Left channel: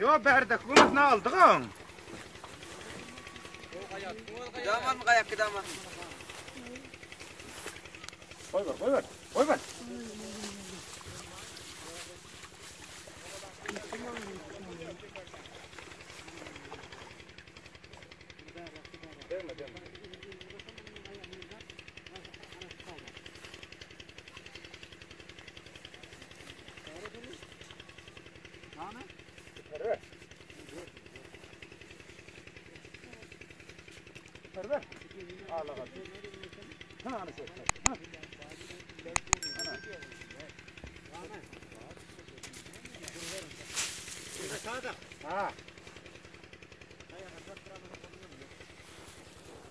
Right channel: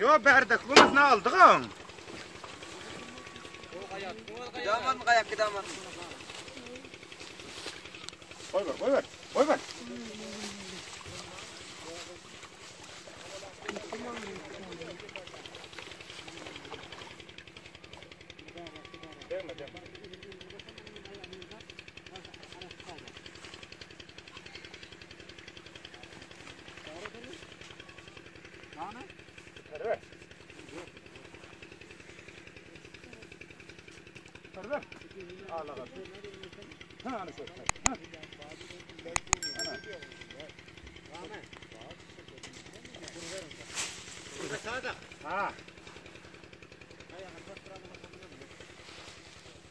Yo berdik bunu ne aldık ha? Daman mı kayak daman? Koy ver. Koy ver.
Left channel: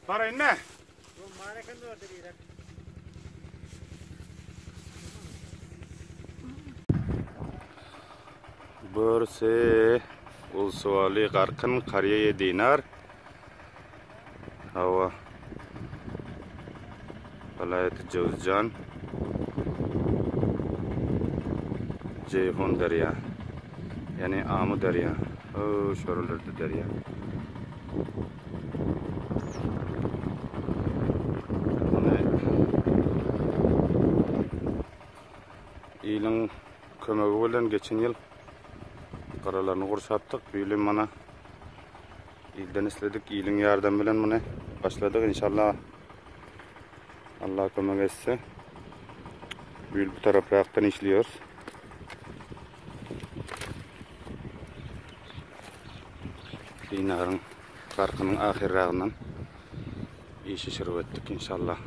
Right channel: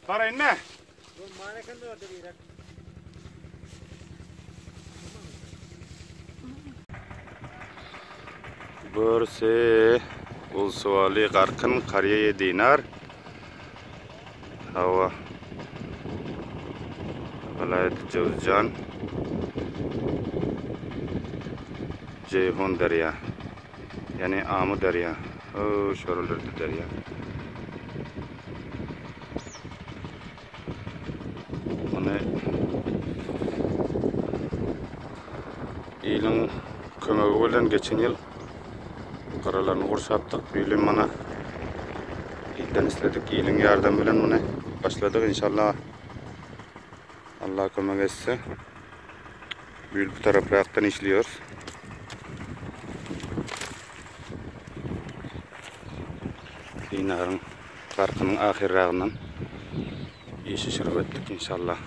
Para inne. Burası Ulsuvali Qarqın Qariya Dinar. Hava Vilayet Jawzjan Ceyhun Derya. Yani Amu Derya. O şorulurdu derya. İlin kömegi bilen geçen yıl qaralarını qursaptık. Bilim mana ilden istedik. İlin yardım bilen mana başladık inşallah. Allah kömek etse. Bu taraflardan işliyor. Dinarın Qarqının ahirrağından işi şırıp ettik inşallah.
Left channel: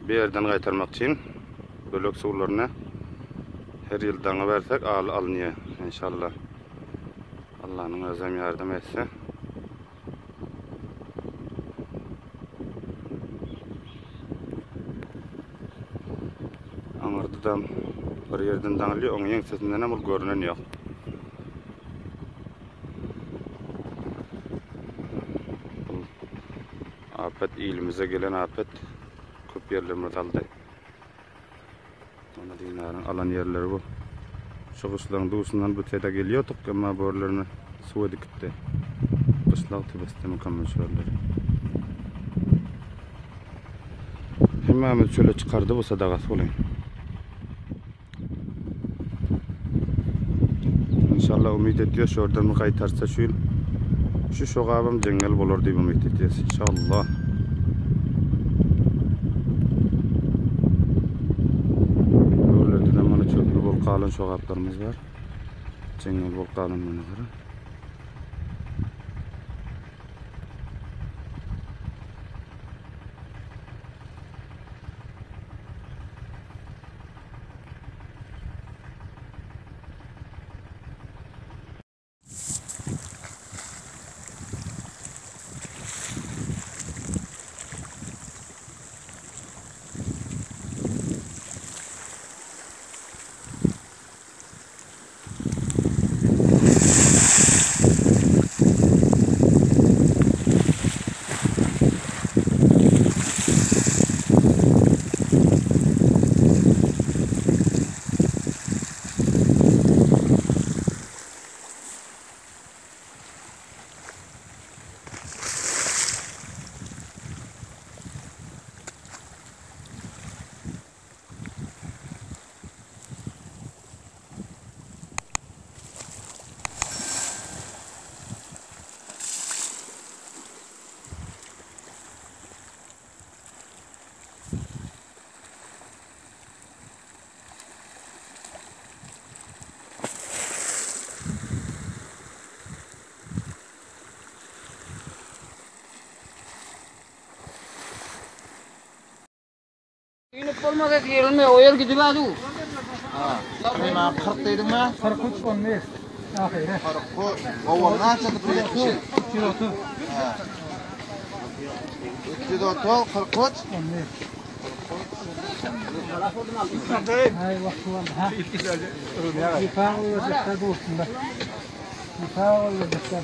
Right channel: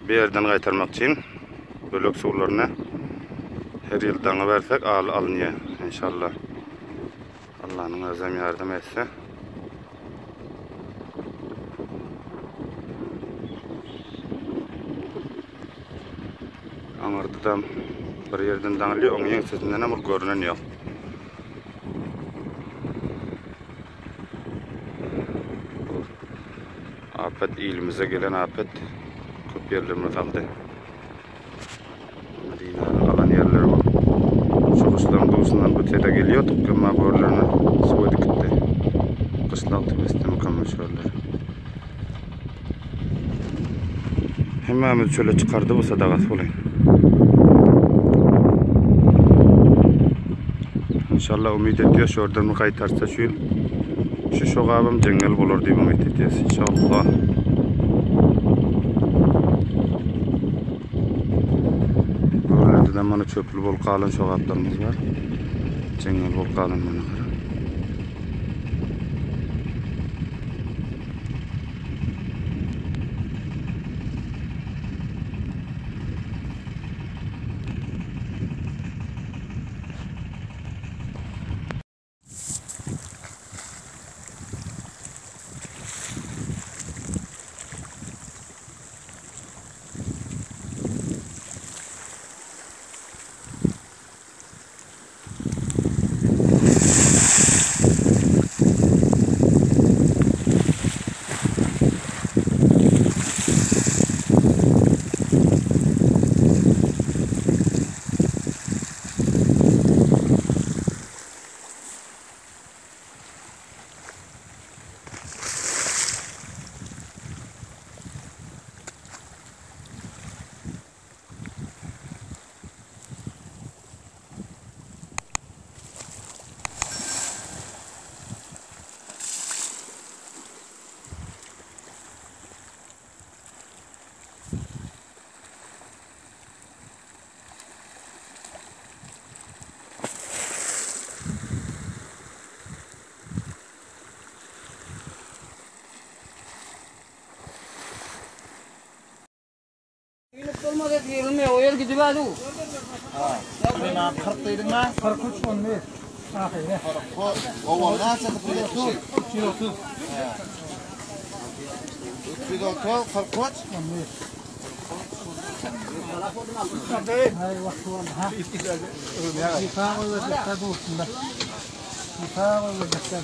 Bir yerden qaytarmak için bölük sularına her yıldan versek alınıyor inşallah. Allah'ın azam yardım etse. Amardıdan bir yerden dağılıyor, onun yensesinden ama görünen yok. Afet ilimize gelen afet köp yerlerine kaldı. Medine kalan yerler var. Şoğuşların doğusundan öteye geliyorduk ama borlarına su gitti. Kışlak tümeste mükemmel şöyle. Hemen şöyle çıkardı bu sadakası olayım. İnşallah ümit ediyoruz. Oradan mı kaytarsa şu yıl şu şoğabım cengel bulur diye ümit ediyoruz. İnşallah. Buralarda mana çöplü bol kalın şoğaplarımız var. Cengel bol kalın mana göre. İnip olmadı diyelim o yer gidip adı. Ha. Ben 40 dedim mi? 43 on ver. Ahire. 40. O nasıl bilet tu? 330. Ha. 330 43 On ver. Hay vakti var ha. Şifa olacak da olsun. Şifa olacak da.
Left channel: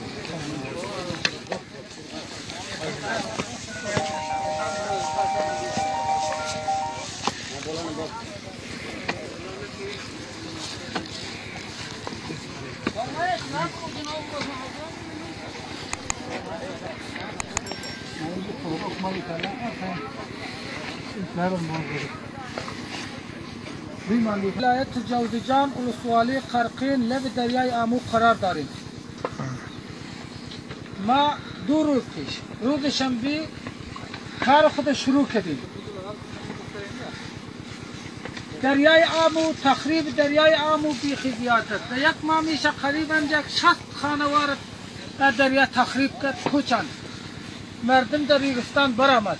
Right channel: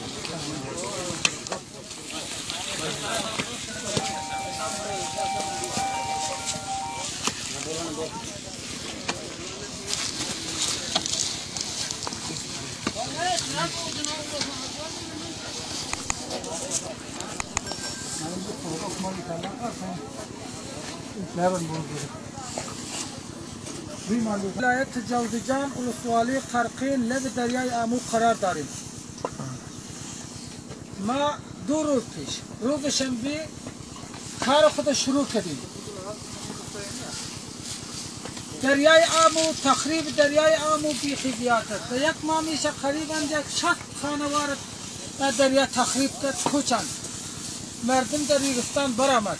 ولایت جوزجان ولسوالی قرقین لب دریای آمو قرار داریم. ما 2 روز پیش روز شنبه کار خود شروع کردیم. دریای آمو تخریب دریای آمو بیخی زیاد است. یک ماه میشه قریباً 60 خانوار دریا تخریب کرد کوچند. مردم در ریگستان برآمد.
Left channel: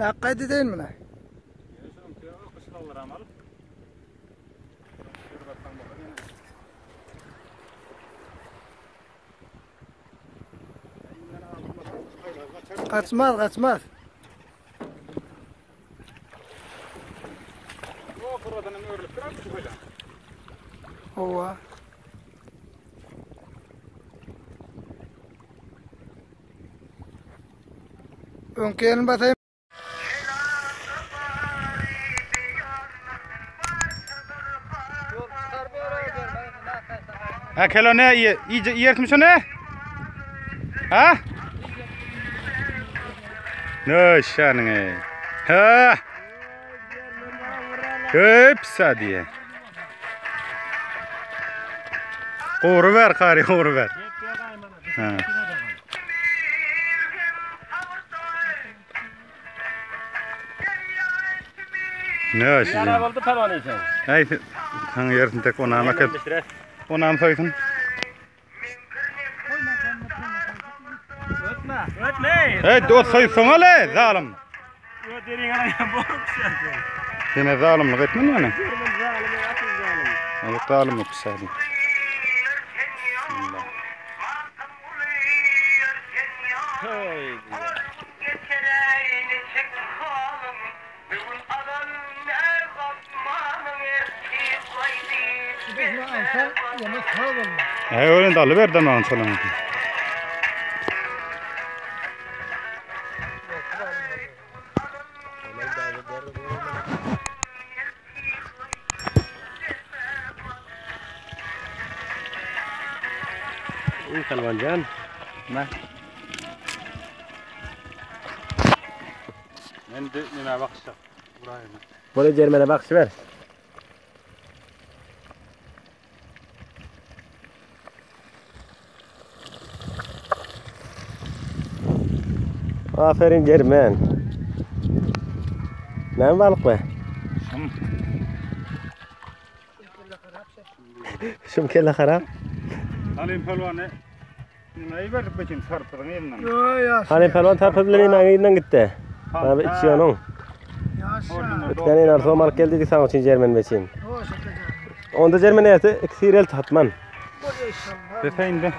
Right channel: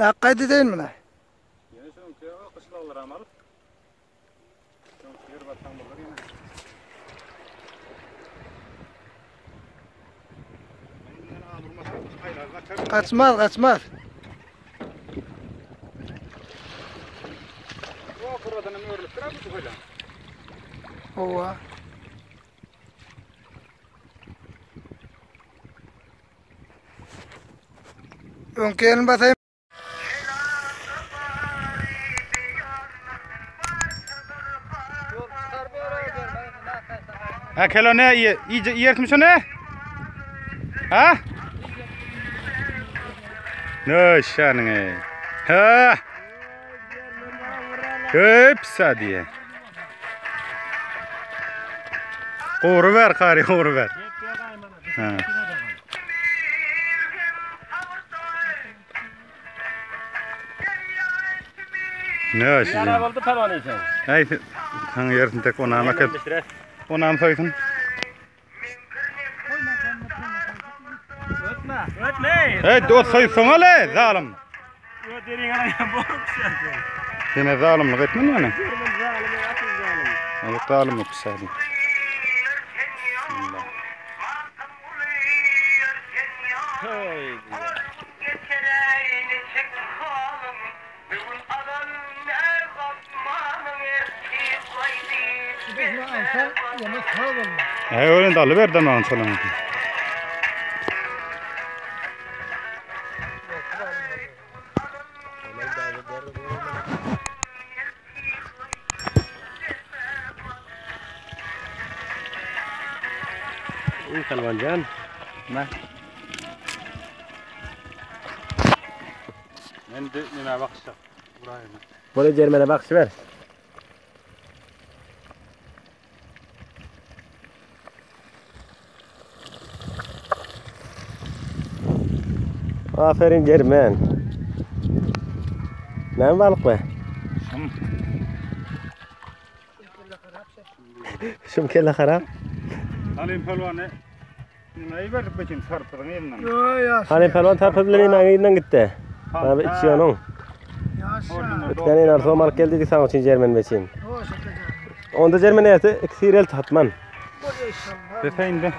لا قاعدتين منه قسمات هو ممكن بس Akelone yırtmışsın ne? Ha? Ne şanın? Ha? Hepsi diye. Qo'ru ver qari, qo'ru ver. Ha. Ne işi? Yara oldu falan için. Ay, hangi yerden tek onama kel. Onam soysun. Ötme. Hey, dot soysun ale, zalim. Öterin ana boğuşsun. Yine zalimlik etmen mi? Zalim, asıl zalim. Ay, zalimlik pişadi. Hey. Ay, öyle dalı verdim ben sana. İyi kalvancan. Ne? Ben de nime bakışta. Buraya. Böyle Cermen'e bakış ver. Aferin Cermen. Ne balık be? Şum kelle harap. Halim pelvanı. Neyi verdik beçin sarpıdın elinden. Halim pelvan tarpızlarının ağıyla gitti. Abi içiyorsun. Ötken en arzu mal geldi ki sana için Cermen beçin. Onda Cermen ayatı iksirel tatman. Defeyin de.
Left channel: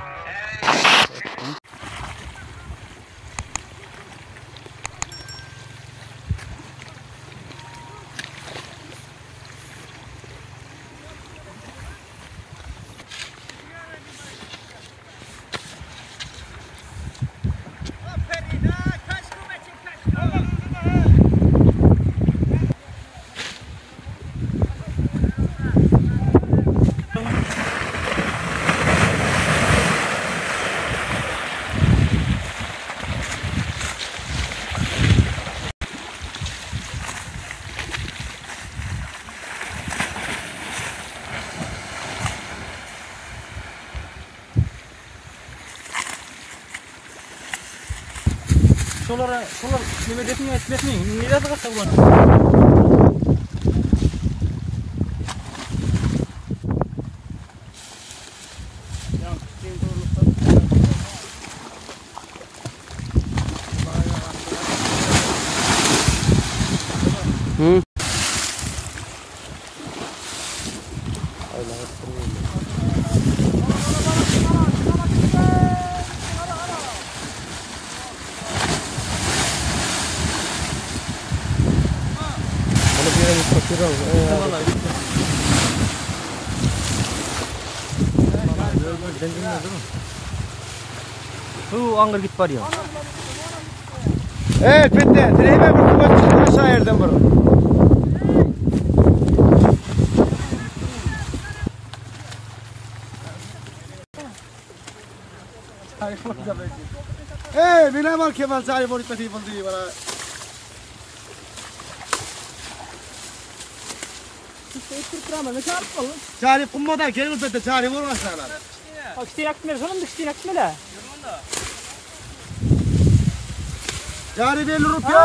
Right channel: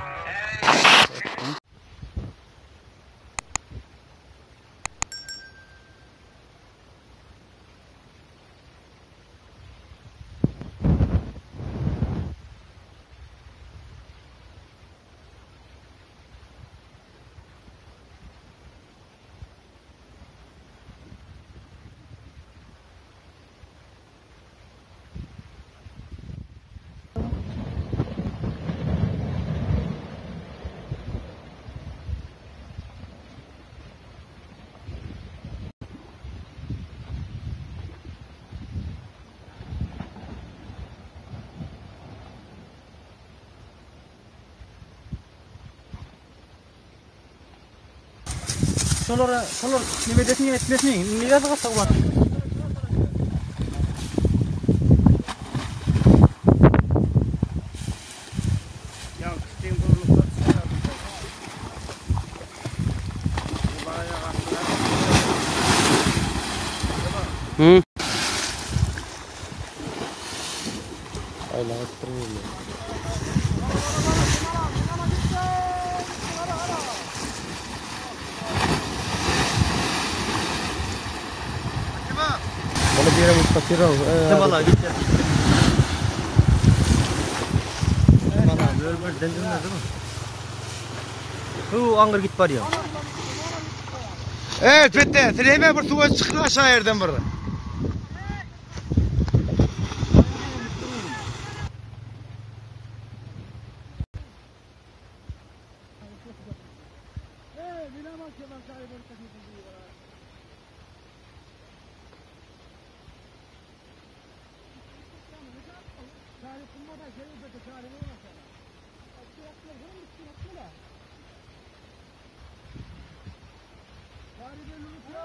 Solar nimetini etmesini niye yazık var? Ya, Hı. Angır git var ya. Evet bitti. Direme bir tuva çıktı aşağı yerden bir. Bina mal Kemal cari boni tadi buldi bana. Cari kumada gelin bitti cari vurmasana. Cari 50 rupiah.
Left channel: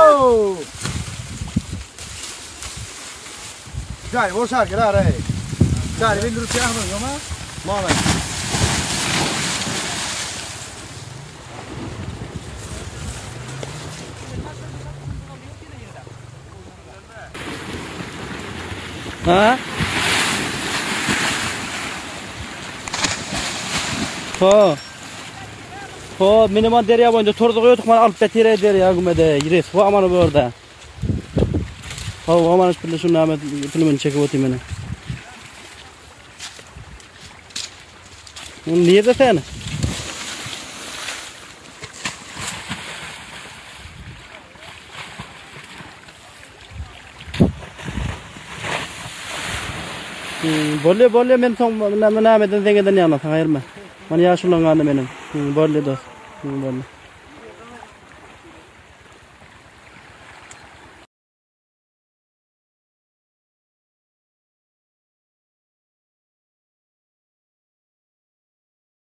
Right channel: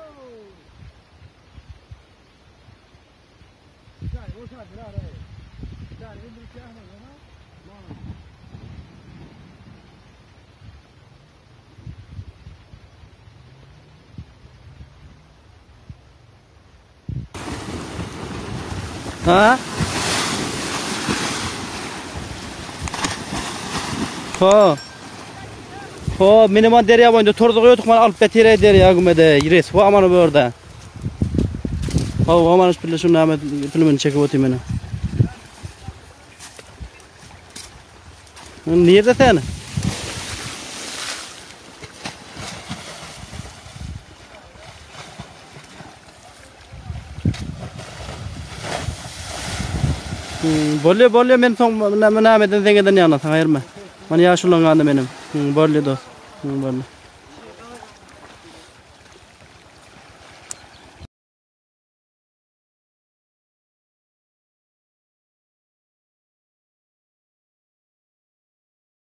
Cari boşar kira re. Cari 50 rupiah mı yoma? Mama. Ha? Ho, miniman derya boyunca torduq yo'q, mana olib ketire derya gumede. Yires, ho amana bu orada. Ho, amana şunu şunu Ahmet filmini çekip otayım bana. Nerede sen? Bolli men son Ahmet'in zengeden yana sana ayırma. Mana yaşullangandı benim. Bolli dost. Bolli.